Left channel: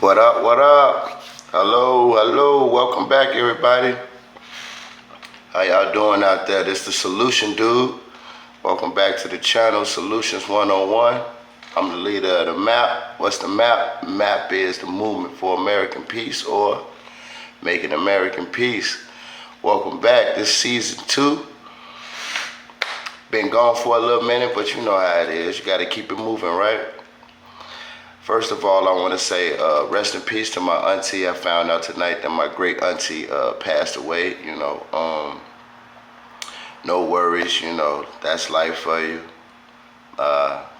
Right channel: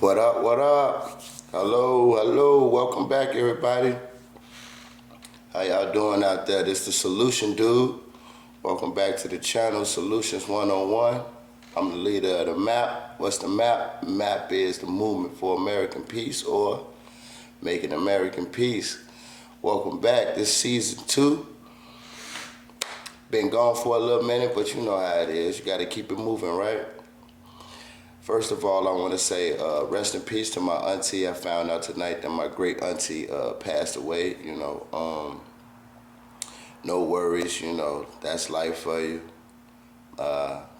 What up, what up? Hello, welcome back everybody. How y'all doing out there? This the Solution Dude. Welcome back to the channel, Solutions 101. I'm the leader of the MAP. What's the MAP? MAP is the Movement for American Peace, or Making American Peace. Welcome back. This season 2. Been gone for a little minute, but you know how it is. You gotta keep it moving, right? First of all, I want to say rest in peace to my auntie. I found out tonight that my great auntie passed away. No worries. That's life for you.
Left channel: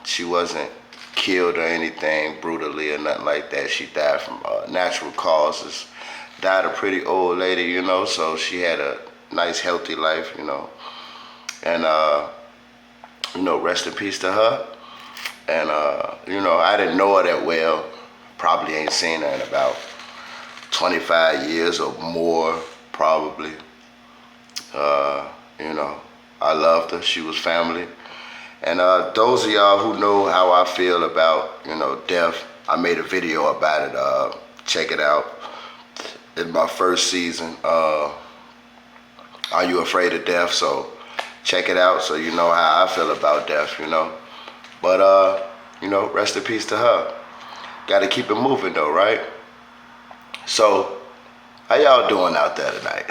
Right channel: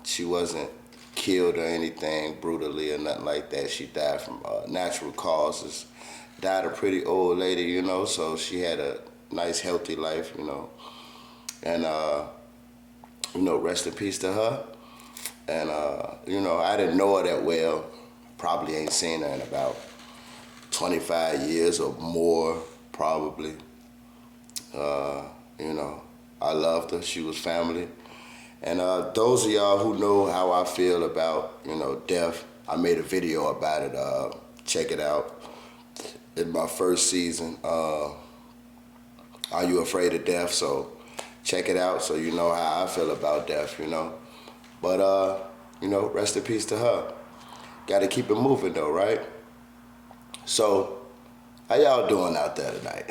She wasn't killed or anything brutally or nothing like that. She died from natural causes. Died a pretty old lady, so she had a nice, healthy life, And, rest in peace to her. And, I didn't know her that well. Probably ain't seen her in about 25 years or more, probably. I loved her. She was family. And those of y'all who know how I feel about, death, I made a video about it. Check it out. In my first season, Are You Afraid of Death? So check it out so you know how I feel about death, But, rest in peace to her. Got to keep it moving though, right? So, how y'all doing out there tonight?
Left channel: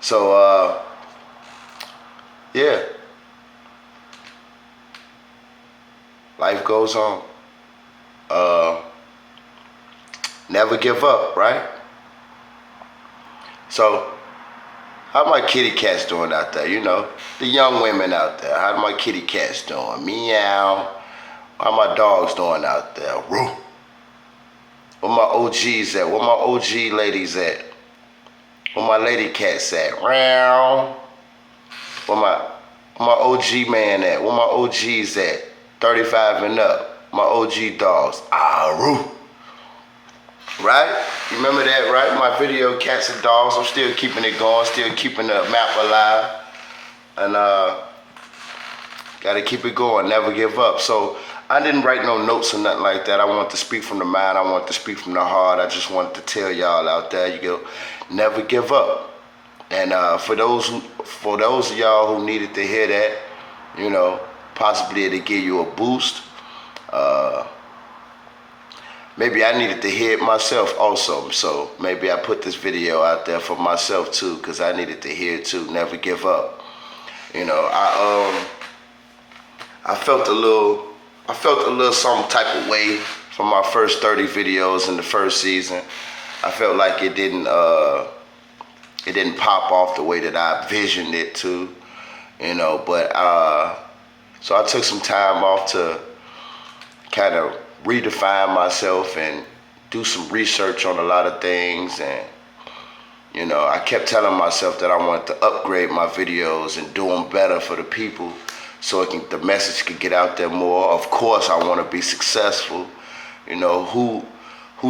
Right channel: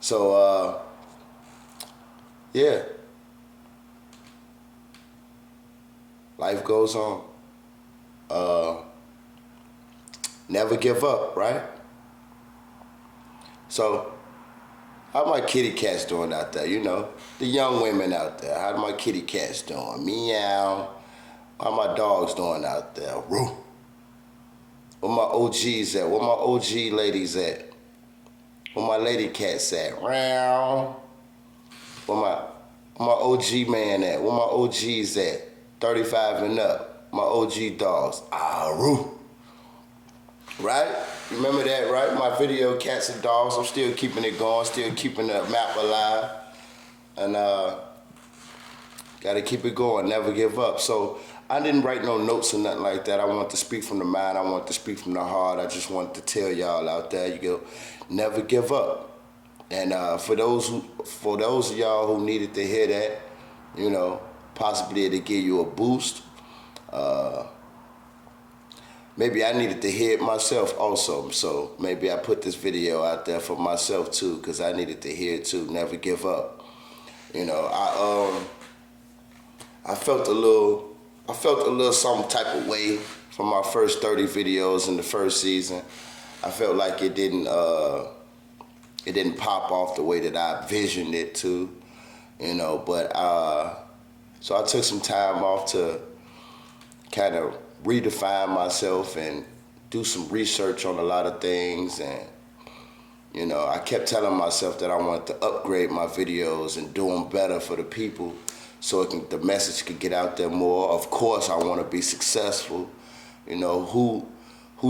So, yeah. Life goes on. Never give up, right? So, how my kitty cats doing out there? The young women out there. How my kitty cats doing? Meow. How my dogs doing out there? Roo. Where my OGs at? Where my OG ladies at? Where my lady cats at? Meow. Where my OG man at? Where my OGs at? 35 and up. My OG dogs. Roo. Right? You remember that, right? My video, Cats and Dogs. I'm still keeping it going, still keeping the map alive. And gotta keep it going, never give up. So I didn't write no notes or nothing like that. I want to speak from the mind, I want to speak from the heart. I just wanted to tell y'all out there, never give up. And for those of y'all who needed to hear that, possibly to give you a boost. Maybe I needed to hear it myself also, so maybe I put this video out there for myself too, because I needed to hear it too. Never give up. I felt a little some type of way from my first 30 videos in the first season. I felt like it didn't pop off the way that I visioned it to, but so I took some time off to kind of redefine myself and do some research on a lot of things. And I kept telling myself that I wanted to upgrade my videos and do them better for the people so the message could get out there more. Of course I want to be successful. Who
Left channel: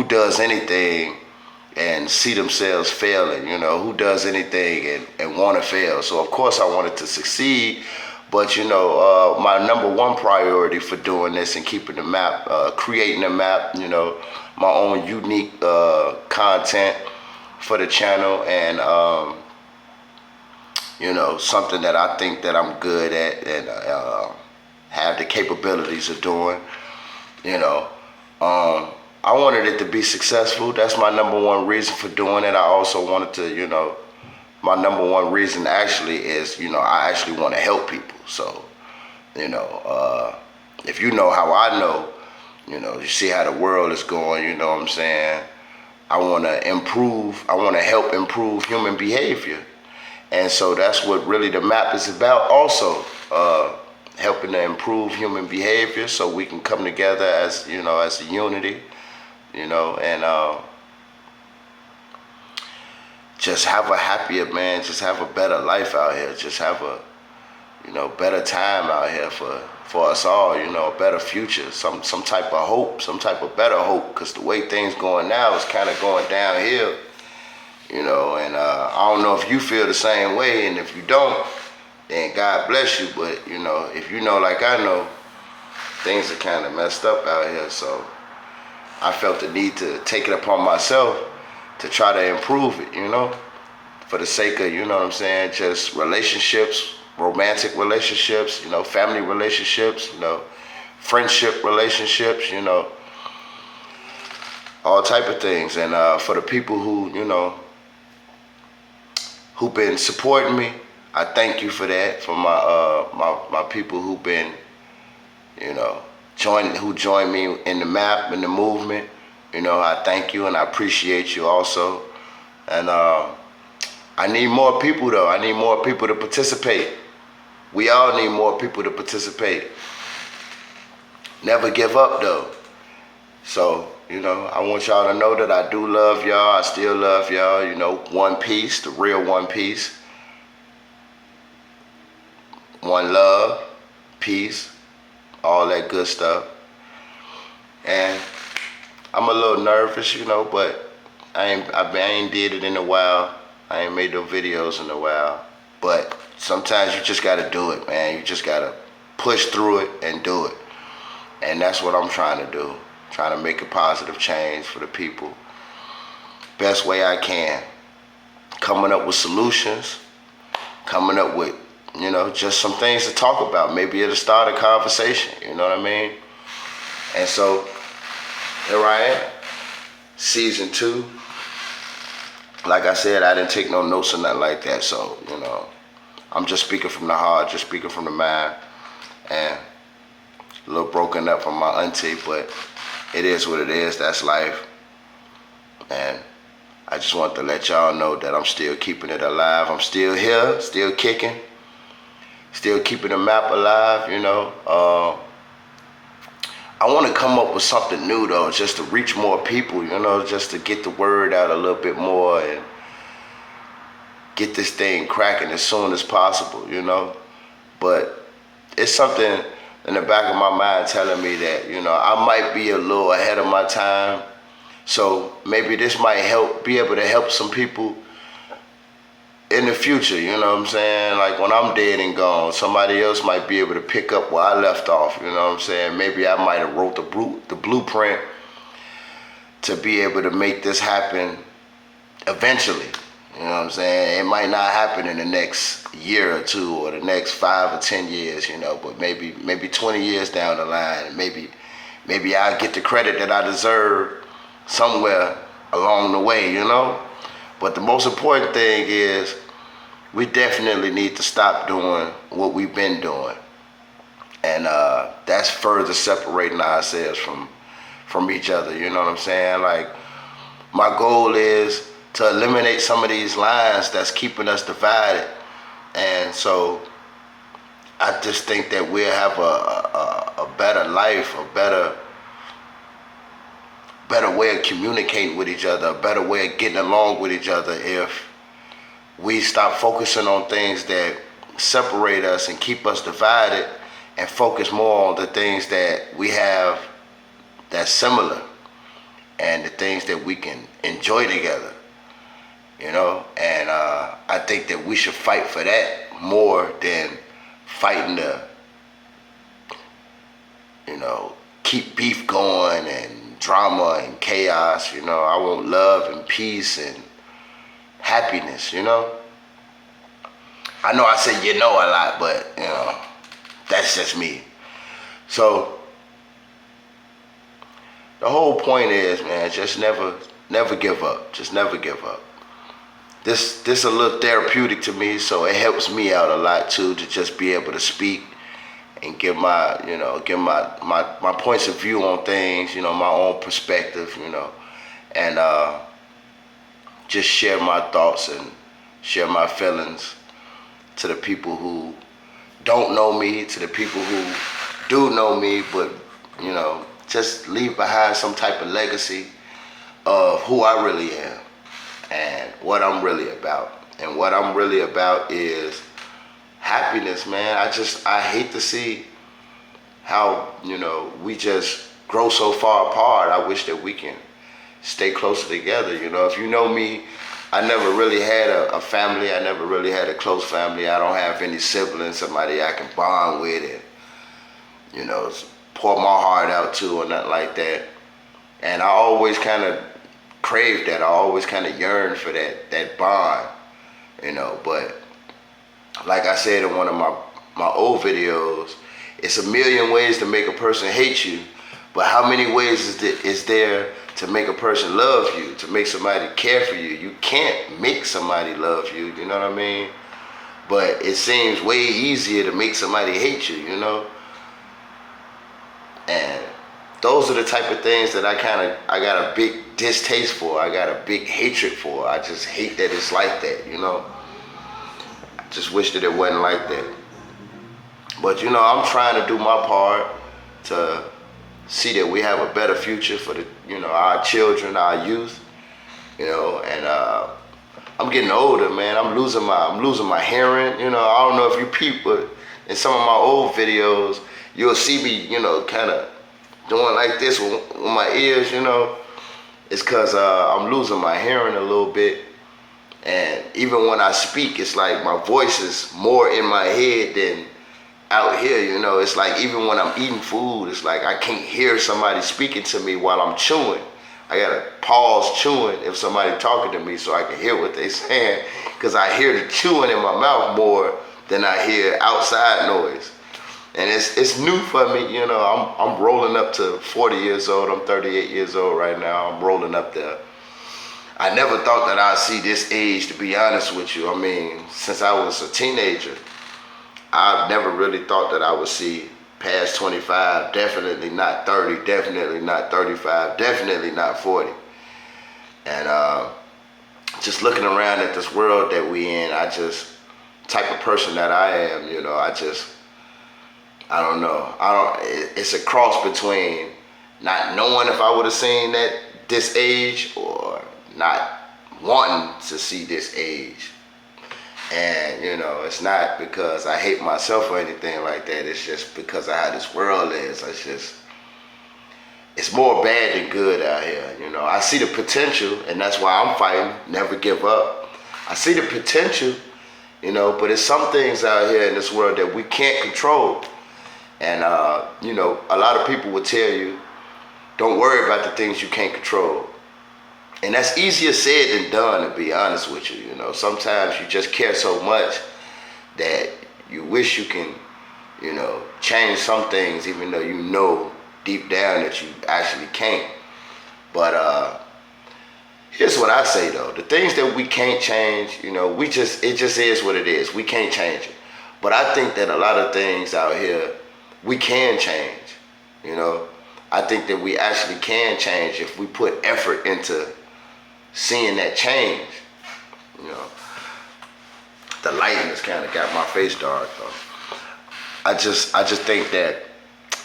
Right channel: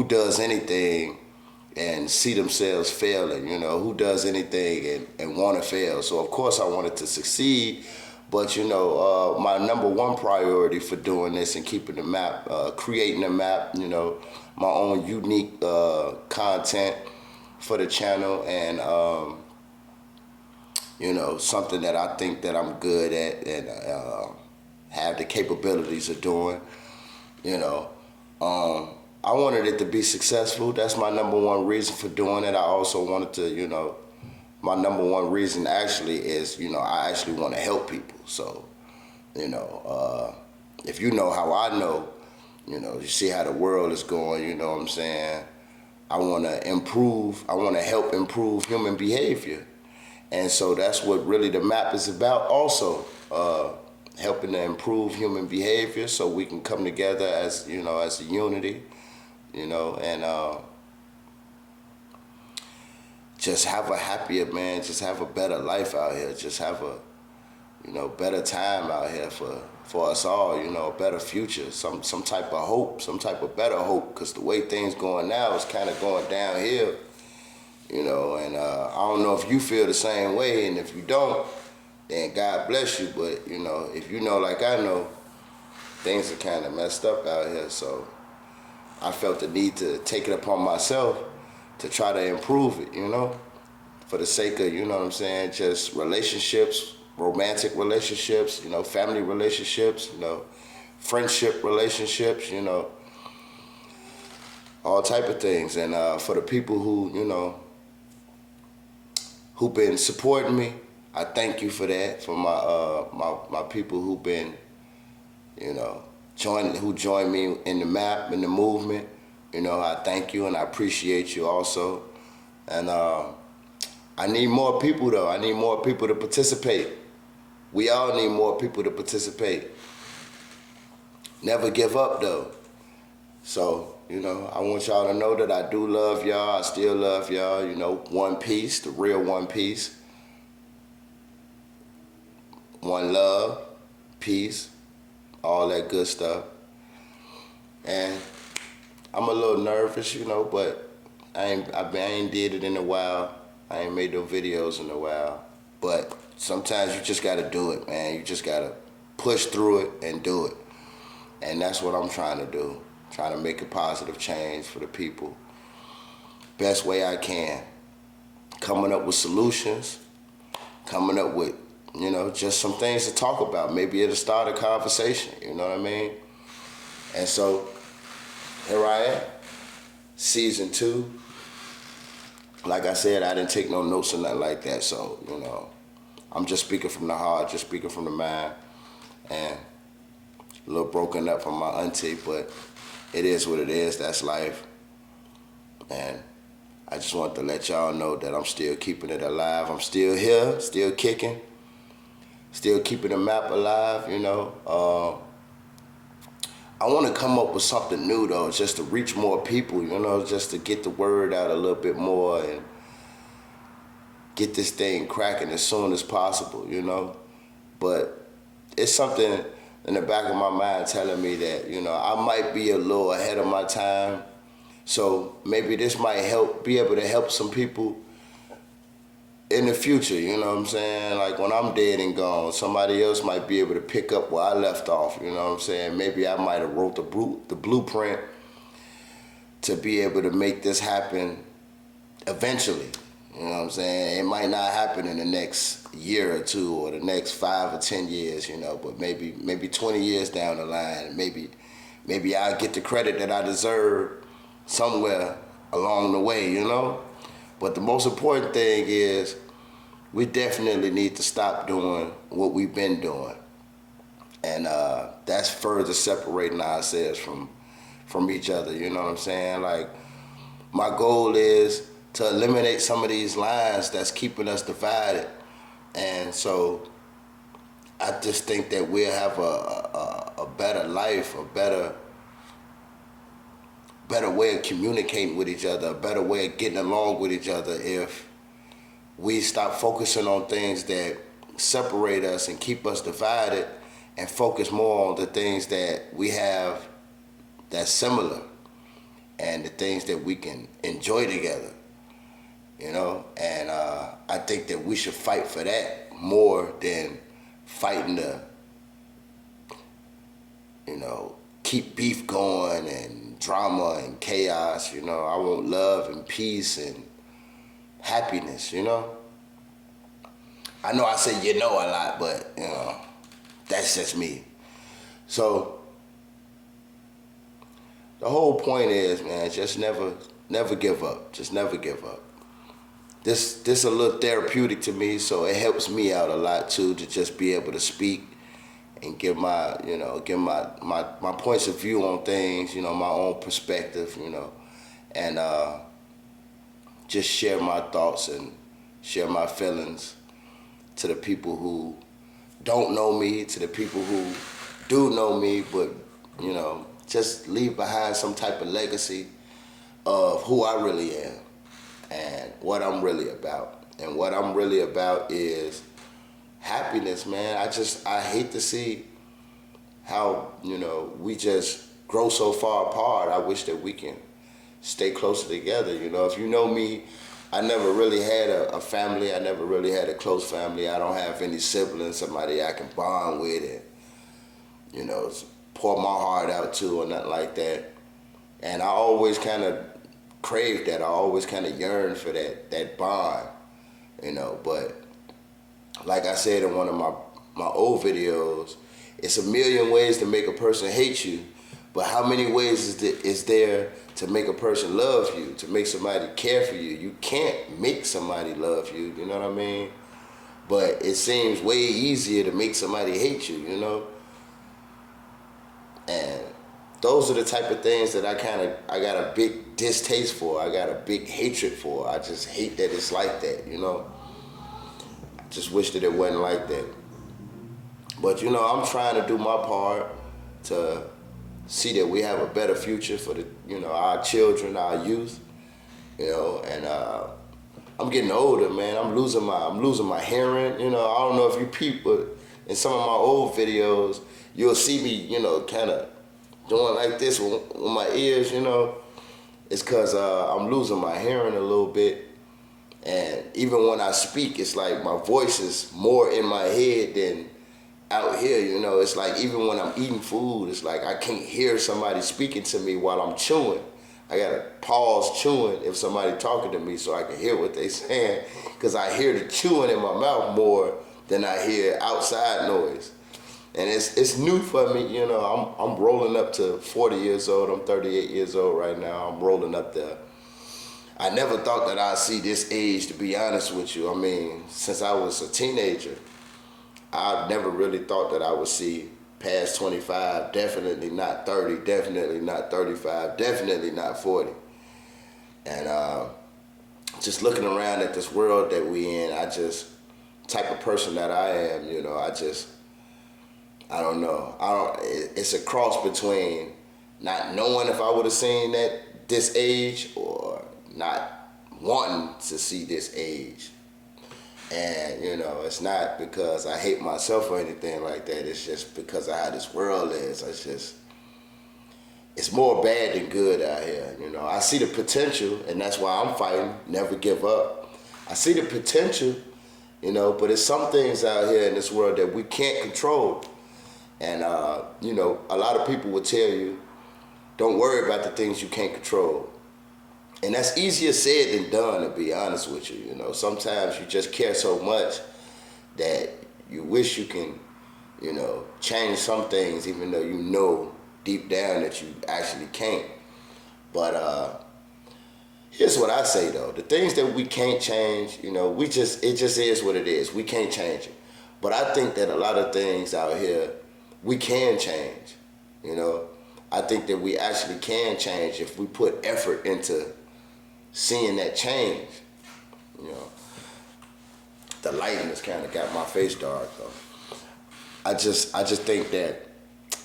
does anything and see themselves failing? Who does anything and want to fail? So of course I wanted to succeed. But my number one priority for doing this and keeping the map, creating a map, my own unique content for the channel, and something that I think that I'm good at and have the capabilities of doing. I wanted it to be successful. That's my number one reason for doing it. I also wanted to, my number one reason actually is, I actually want to help people. So, if you know how I know, you see how the world is going, you know what I'm saying? I want to help improve human behavior. And so that's what really the map is about also, helping to improve human behavior so we can come together as, as a unity, and just have a happier, man, just have a better life out here, just have a, better time out here for us all, a better future, some type of hope, some type of better hope, because the way things going now is kind of going downhill, and I don't know if you feel the same way, and if you don't, then God bless you, but, if you know like I know, things are kind of messed up out here, so I felt the need to take it upon myself to try to improve it, for the sake of, what I'm saying, just relationships, romantic relationships, family relationships, friendship relationships, all type of things. And for the people who've been supporting me, I thank you for that. For my people who've been, who joined me in the map, in the movement, I thank you and I appreciate you also. And I need more people though. I need more people to participate. We all need more people to participate. Never give up though. So, I want y'all to know that I do love y'all. I still love y'all. One Piece, the real One Piece. One love, peace, all that good stuff. And I'm a little nervous, but I ain't did it in a while. I ain't made no videos in a while. But sometimes you just gotta do it, man. You just gotta push through it and do it. And that's what I'm trying to do. Trying to make a positive change for the people. Best way I can. Coming up with solutions. Coming up with, just some things to talk about. Maybe it'll start a conversation, you know what I mean? And so, here I am. Season 2. Like I said, I didn't take no notes or nothing like that. So, I'm just speaking from the heart, just speaking from the mind. And a little broken up from my auntie, but it is what it is. That's life. And I just want to let y'all know that I'm still keeping it alive. I'm still here, still kicking, still keeping the map alive, I want to come up with something new though, just to reach more people, just to get the word out a little bit more and get this thing cracking as soon as possible, But it's something in the back of my mind telling me that, I might be a little ahead of my time. So maybe this might be able to help some people in the future, you know what I'm saying? Like when I'm dead and gone, somebody else might be able to pick up where I left off, you know what I'm saying? Maybe I might have wrote the blueprint to be able to make this happen eventually, you know what I'm saying? It might not happen in the next year or two or the next 5 or 10 years, but maybe 20 years down the line, maybe I'll get the credit that I deserve somewhere along the way, But the most important thing is we definitely need to stop doing what we've been doing. And that's further separating ourselves from each other, you know what I'm saying? Like, my goal is to eliminate some of these lines that's keeping us divided. And so I just think that we'll have a better life, a better way of communicating with each other, a better way of getting along with each other if we stop focusing on things that separate us and keep us divided and focus more on the things that we have that's similar and the things that we can enjoy together, And I think that we should fight for that more than fighting to, keep beef going and drama and chaos, I want love and peace and happiness, I know I say a lot, but, that's just me. So, the whole point is, man, just never give up. Just never give up. This a little therapeutic to me, so it helps me out a lot too, to just be able to speak and give my points of view on things, my own perspective, and just share my thoughts and share my feelings to the people who don't know me, to the people who do know me, but, just leave behind some type of legacy of who I really am and what I'm really about. And what I'm really about is happiness, man. I hate to see how, we just grow so far apart. I wish that we can stay closer together, If you know me, I never really had a family. I never really had a close family. I don't have any siblings, somebody I can bond with and, pour my heart out to or nothing like that. And I always kind of craved that. I always kind of yearned for that bond, you know. But like I said in one of my old videos, it's a million ways to make a person hate you, but how many ways is there to make a person love you, to make somebody care for you? You can't make somebody love you, you know what I mean? But it seems way easier to make somebody hate you, you know? And those are the type of things that I got a big distaste for. I got a big hatred for. I just hate that it's like that, you know? I just wish that it wasn't like that. But, you know, I'm trying to do my part to see that we have a better future for our children, our youth, you know, and I'm getting older, man. I'm losing my hearing, you know. I don't know if you peep, but in some of my old videos, you'll see me, you know, kind of doing like this with my ears, you know. It's because I'm losing my hearing a little bit. And even when I speak, it's like my voice is more in my head than out here, you know. It's like even when I'm eating food, it's like I can't hear somebody speaking to me while I'm chewing. I gotta pause chewing if somebody talking to me so I can hear what they saying, because I hear the chewing in my mouth more than I hear outside noise. And it's new for me, you know. I'm rolling up to 40 years old. I'm 38 years old right now. I'm rolling up there. I never thought that I'd see this age, to be honest with you. I mean, since I was a teenager, I never really thought that I would see past 25, definitely not 30, definitely not 35, definitely not 40. And just looking around at this world that we in, type of person that I am, you know, I don't know. It's a cross between not knowing if I would have seen this age or not wanting to see this age. And, you know, it's not because I hate myself or anything like that. It's just because of how this world is. It's more bad than good out here, you know. I see the potential, and that's why I'm fighting, never give up. I see the potential, you know, but it's some things out here in this world that we can't control. And, you know, a lot of people will tell you, don't worry about the things you can't control. And that's easier said than done, to be honest with you. You know, sometimes you just care so much that you wish you can, you know, change some things, even though you know deep down that you actually can't. But here's what I say though: the things that we can't change, you know, it just is what it is. We can't change it. But I think that a lot of things out here we can change. You know, I think that we actually can change if we put effort into seeing that change. You know, the lighting has kind of got my face dark though. I just think that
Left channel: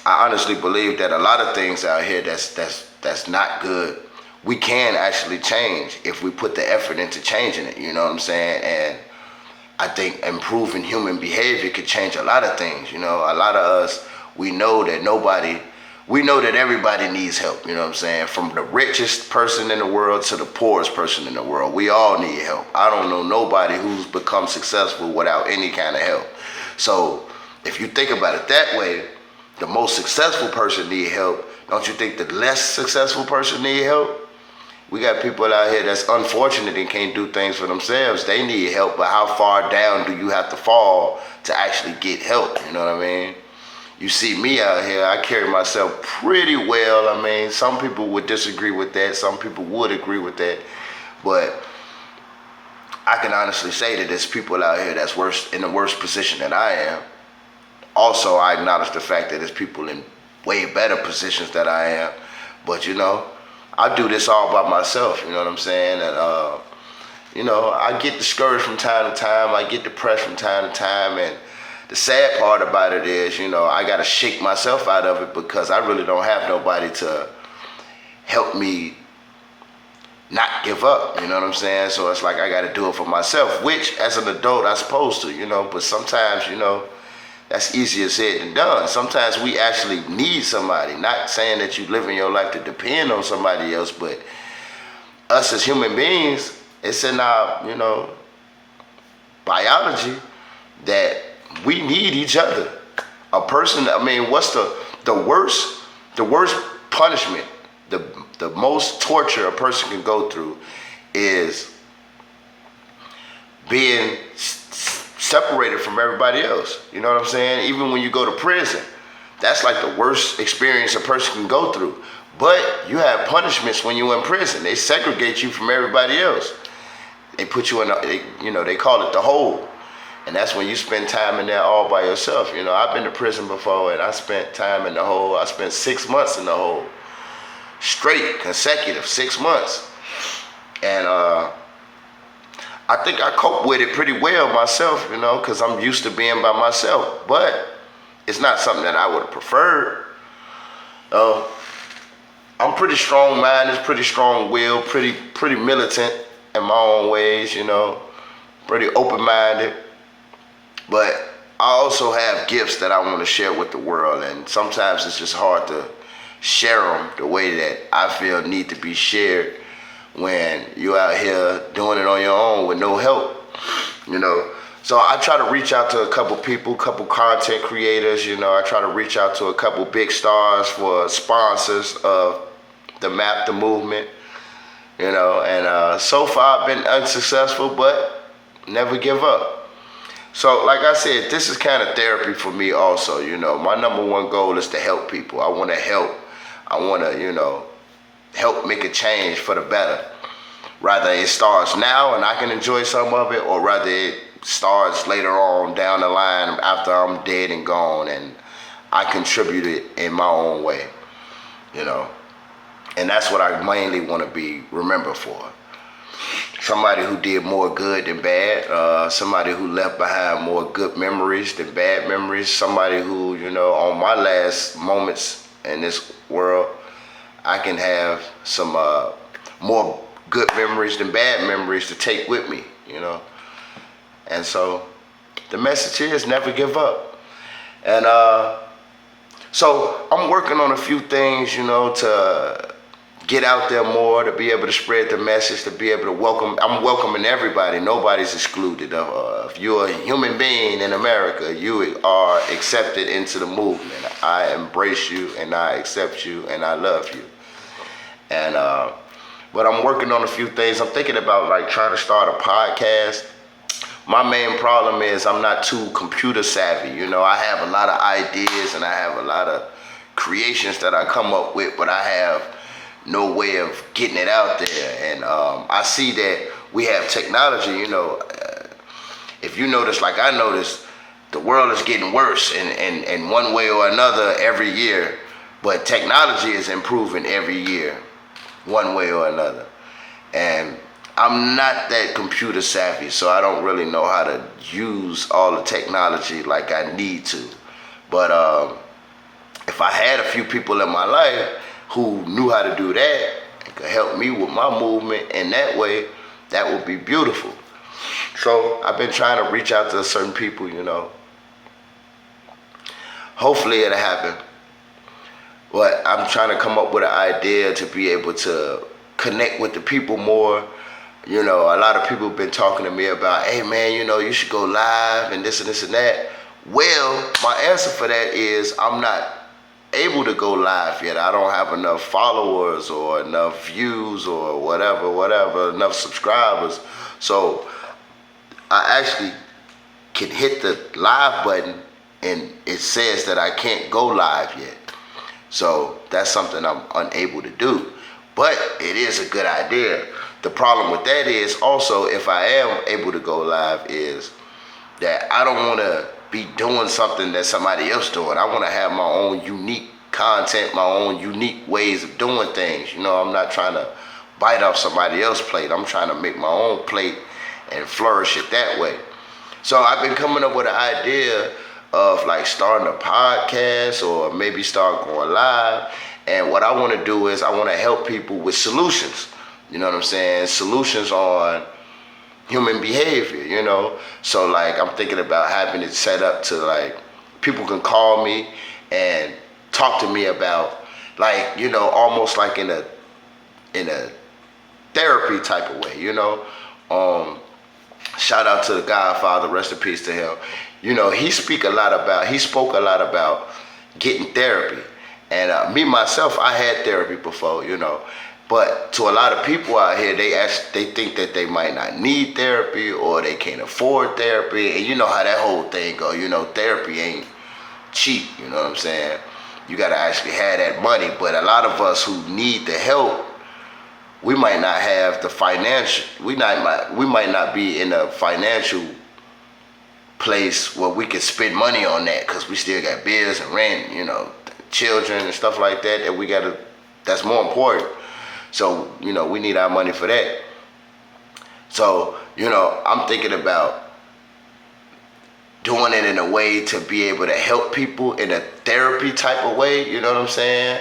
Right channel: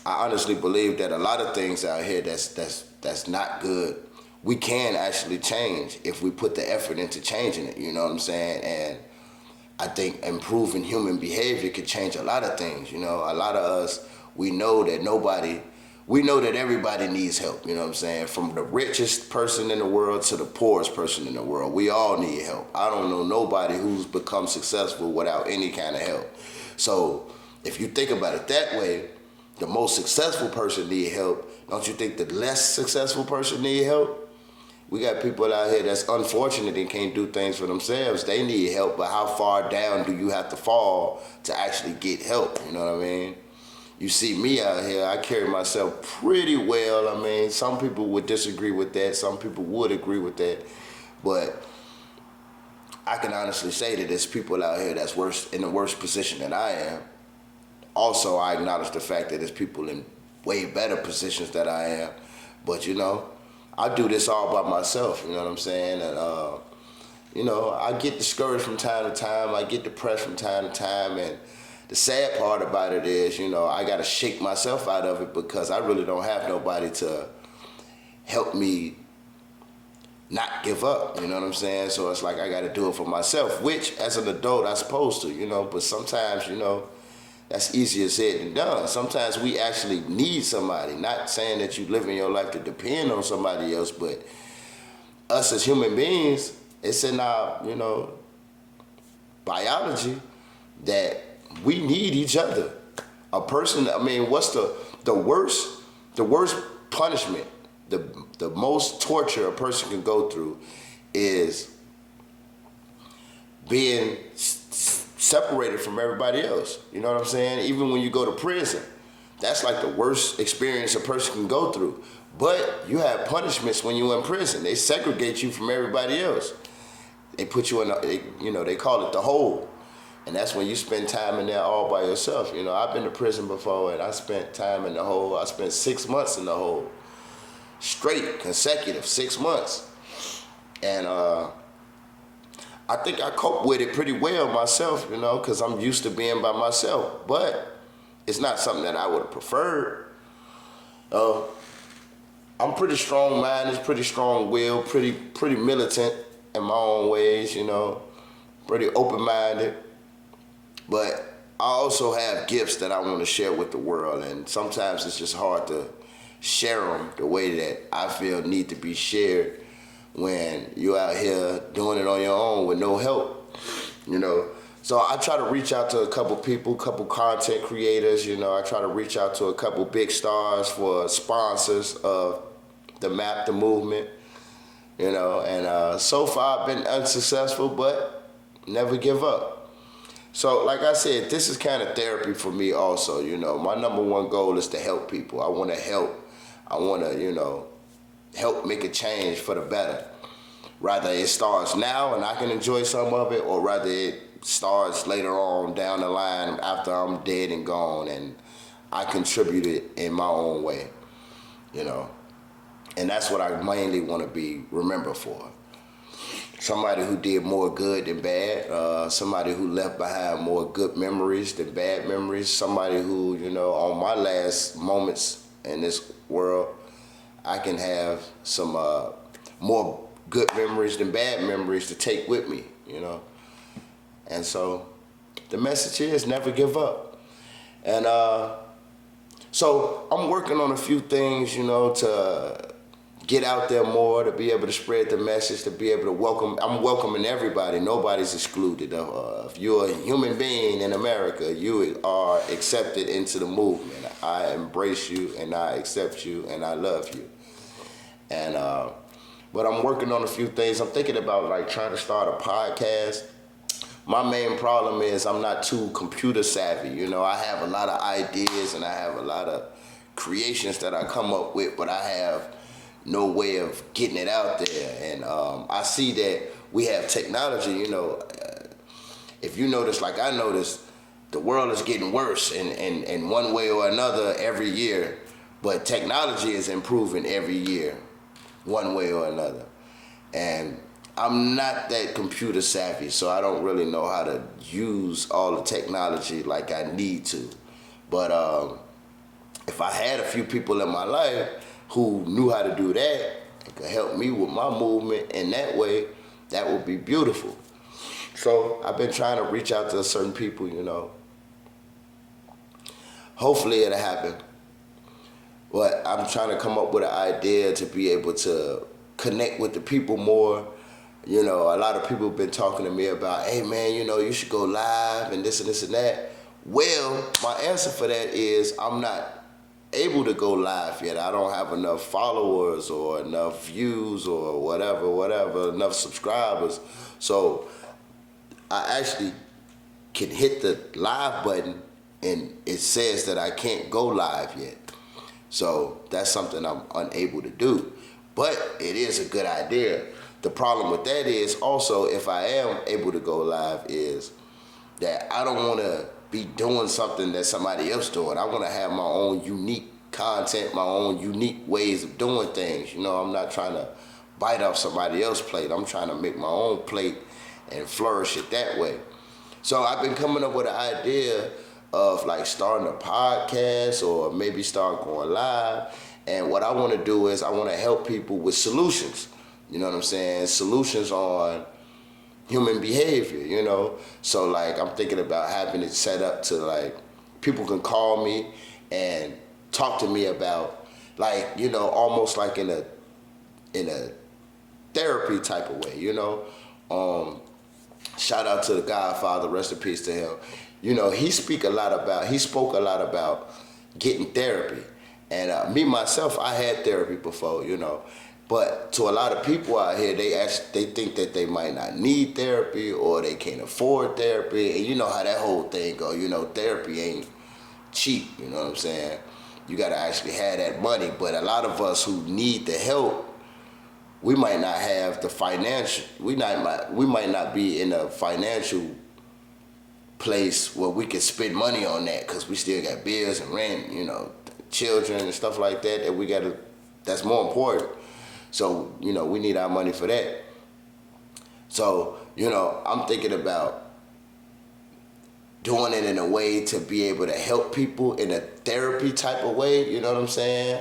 I honestly believe that a lot of things out here that's not good, we can actually change if we put the effort into changing it. You know what I'm saying? And I think improving human behavior could change a lot of things. You know, a lot of us, we know that everybody needs help, you know what I'm saying? From the richest person in the world to the poorest person in the world. We all need help. I don't know nobody who's become successful without any kind of help. So if you think about it that way, the most successful person need help. Don't you think the less successful person need help? We got people out here that's unfortunate and can't do things for themselves. They need help, but how far down do you have to fall to actually get help? You know what I mean? You see me out here, I carry myself pretty well. I mean, some people would disagree with that. Some people would agree with that. But I can honestly say that there's people out here that's in a worse position than I am. Also, I acknowledge the fact that there's people in way better positions than I am. But, you know, I do this all by myself, you know what I'm saying? And, you know, I get discouraged from time to time. I get depressed from time to time. And the sad part about it is, you know, I got to shake myself out of it because I really don't have nobody to help me not give up, you know what I'm saying? So it's like I got to do it for myself, which as an adult I'm supposed to, you know, but sometimes, you know, that's easier said than done. Sometimes we actually need somebody. Not saying that you live in your life to depend on somebody else, but us as human beings, it's in our, you know, biology that we need each other. A person, I mean, what's the worst punishment, the the most torture a person can go through is being separated from everybody else. You know what I'm saying? Even when you go to prison, that's like the worst experience a person can go through. But you have punishments when you're in prison. They segregate you from everybody else. They put you in, they call it the hole. And that's when you spend time in there all by yourself. You know, I've been to prison before, and I spent time in the hole. I spent 6 months in the hole. Straight, consecutive, 6 months. And I think I cope with it pretty well myself, you know, because I'm used to being by myself. But it's not something that I would have preferred. I'm pretty strong-minded, pretty strong-willed, pretty militant in my own ways, you know, pretty open-minded. But I also have gifts that I want to share with the world, and sometimes it's just hard to share them the way that I feel need to be shared when you're out here doing it on your own with no help, you know. So I try to reach out to a couple people, couple content creators, you know. I try to reach out to a couple big stars for sponsors of the MAP, the movement, you know. And so far I've been unsuccessful, but never give up. So like I said, this is kind of therapy for me also, you know. My number one goal is to help people. I want to help. I want to, you know, help make a change for the better. Rather it starts now and I can enjoy some of it, or rather it starts later on down the line after I'm dead and gone and I contributed in my own way, you know. And that's what I mainly want to be remembered for. Somebody who did more good than bad, somebody who left behind more good memories than bad memories, somebody who, you know, on my last moments in this world, I can have some more good memories than bad memories to take with me, you know. And so the message is never give up. And so I'm working on a few things, you know, to get out there more, to be able to spread the message, to be able to welcome. I'm welcoming everybody. Nobody's excluded. If you're a human being in America, you are accepted into the movement. I embrace you and I accept you and I love you. And but I'm working on a few things. I'm thinking about like trying to start a podcast. My main problem is I'm not too computer savvy. You know, I have a lot of ideas and I have a lot of creations that I come up with, but I have no way of getting it out there. And I see that we have technology, you know. If you notice, like I noticed, the world is getting worse in one way or another every year, but technology is improving every year, one way or another. And I'm not that computer savvy, so I don't really know how to use all the technology like I need to. But if I had a few people in my life who knew how to do that and could help me with my movement in that way, that would be beautiful. So I've been trying to reach out to certain people, you know. Hopefully it'll happen. But I'm trying to come up with an idea to be able to connect with the people more. You know, a lot of people have been talking to me about, hey man, you know, you should go live and this and that. Well, my answer for that is I'm not able to go live yet. I don't have enough followers or enough views or whatever, enough subscribers. So I actually can hit the live button and it says that I can't go live yet. So that's something I'm unable to do. But it is a good idea. The problem with that is also, if I am able to go live, is that I don't want to be doing something that somebody else doing. I want to have my own unique content, my own unique ways of doing things. You know, I'm not trying to bite off somebody else's plate. I'm trying to make my own plate and flourish it that way. So I've been coming up with an idea of like starting a podcast or maybe start going live. And what I want to do is I want to help people with solutions. You know what I'm saying? Solutions on human behavior, you know? So like I'm thinking about having it set up to like people can call me and talk to me about like, you know, almost like in a therapy type of way, you know? Shout out to the Godfather, rest in peace to him. You know, he spoke a lot about getting therapy. And me, myself, I had therapy before, you know. But to a lot of people out here, they think that they might not need therapy or they can't afford therapy. And you know how that whole thing go. You know, therapy ain't cheap. You know what I'm saying? You got to actually have that money. But a lot of us who need the help, we might not have the financial. We might not be in a financial place where we can spend money on that because we still got bills and rent. You know, children and stuff like that that we gotta. That's more important. So, you know, we need our money for that. So, you know, I'm thinking about doing it in a way to be able to help people in a therapy type of way, you know what I'm saying?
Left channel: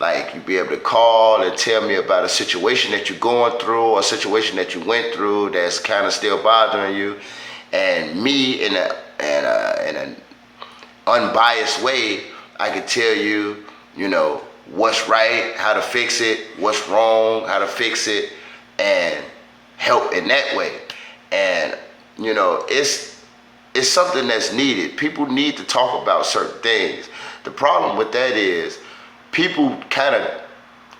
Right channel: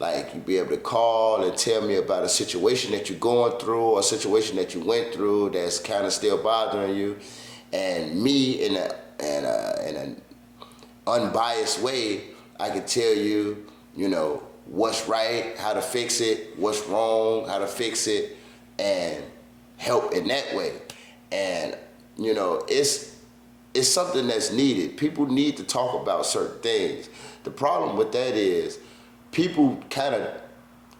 Like, you be able to call and tell me about a situation that you're going through or a situation that you went through that's kind of still bothering you. And me, in an unbiased way, I could tell you, you know, what's right, how to fix it, what's wrong, how to fix it, and help in that way. And, you know, it's something that's needed. People need to talk about certain things. The problem with that is people kind of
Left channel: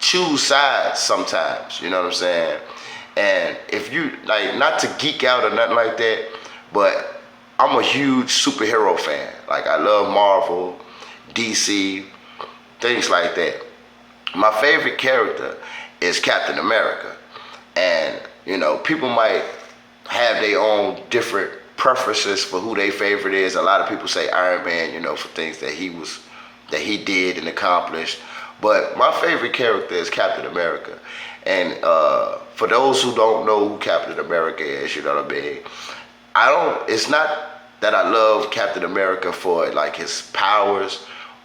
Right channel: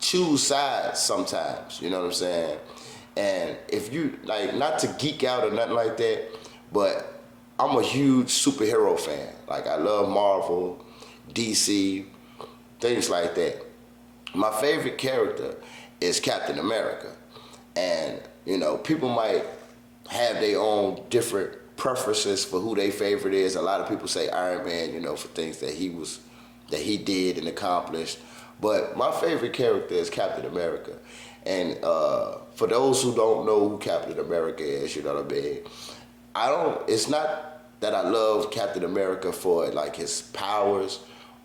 choose sides sometimes, you know what I'm saying? And if you, like, not to geek out or nothing like that, but I'm a huge superhero fan. Like, I love Marvel, DC, things like that. My favorite character is Captain America. And, you know, people might have their own different preferences for who their favorite is. A lot of people say Iron Man, you know, for things that he did and accomplished. But my favorite character is Captain America. And for those who don't know who Captain America is, you know what I mean? It's not that I love Captain America for like his powers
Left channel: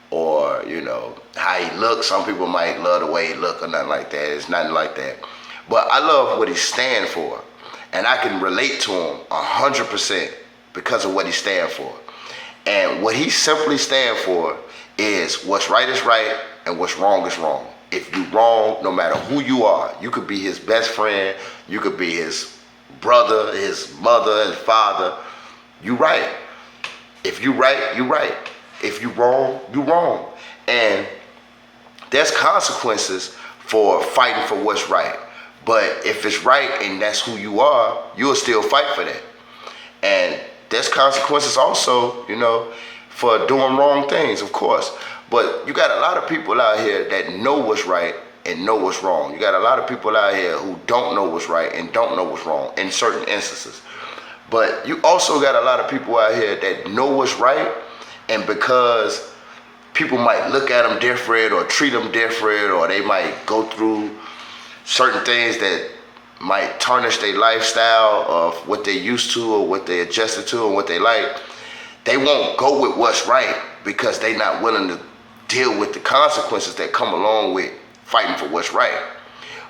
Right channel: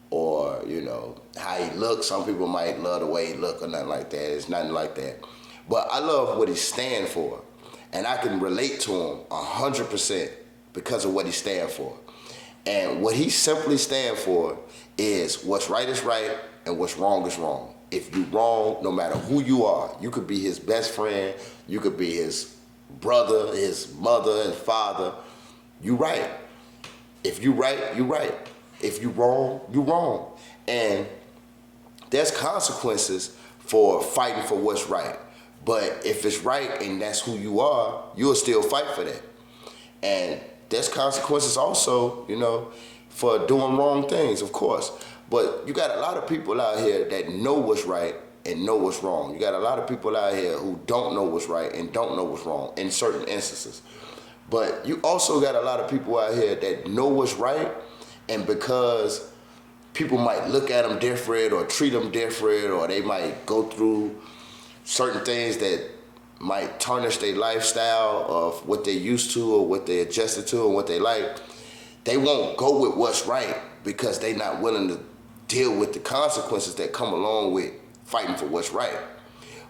or, you know, how he looks. Some people might love the way he look or nothing like that. It's nothing like that. But I love what he stands for. And I can relate to him 100% because of what he stands for. And what he simply stands for is what's right is right and what's wrong is wrong. If you're wrong, no matter who you are, you could be his best friend, you could be his brother, his mother, his father, you right. If you right, you right. If you wrong, you wrong. And there's consequences for fighting for what's right. But if it's right and that's who you are, you'll still fight for that. And there's consequences also, you know, for doing wrong things, of course. But you got a lot of people out here that know what's right and know what's wrong. You got a lot of people out here who don't know what's right and don't know what's wrong in certain instances. But you also got a lot of people out here that know what's right, and because people might look at them different or treat them different, or they might go through certain things that might tarnish their lifestyle of what they used to or what they adjusted to and what they like, they won't go with what's right because they're not willing to deal with the consequences that come along with fighting for what's right.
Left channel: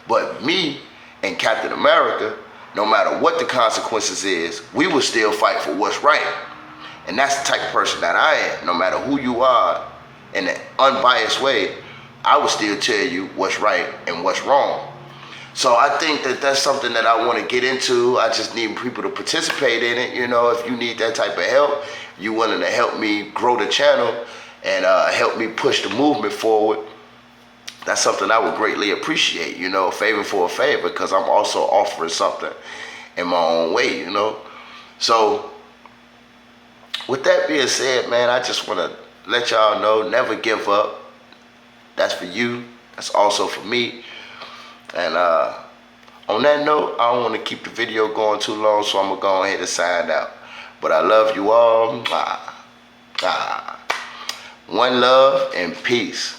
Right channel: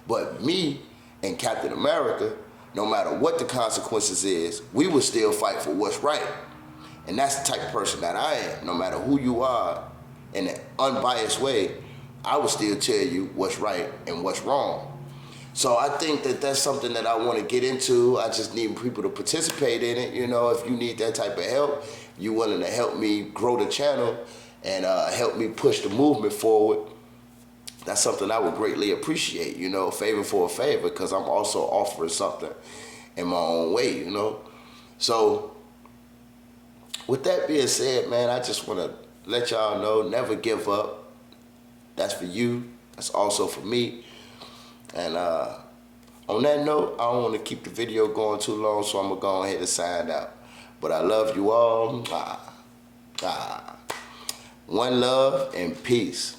But me and Captain America, no matter what the consequences is, we will still fight for what's right. And that's the type of person that I am. No matter who you are, in an unbiased way, I will still tell you what's right and what's wrong. So I think that that's something that I want to get into. I just need people to participate in it. You know, if you need that type of help, you willing to help me grow the channel and help me push the movement forward, that's something I would greatly appreciate, you know, a favor for a favor, because I'm also offering something in my own way, you know. So with that being said, man, I just want to let y'all know, never give up. That's for you. That's also for me. And on that note, I don't want to keep the video going too long, so I'm going to go ahead and sign out. But I love you all. One love and peace.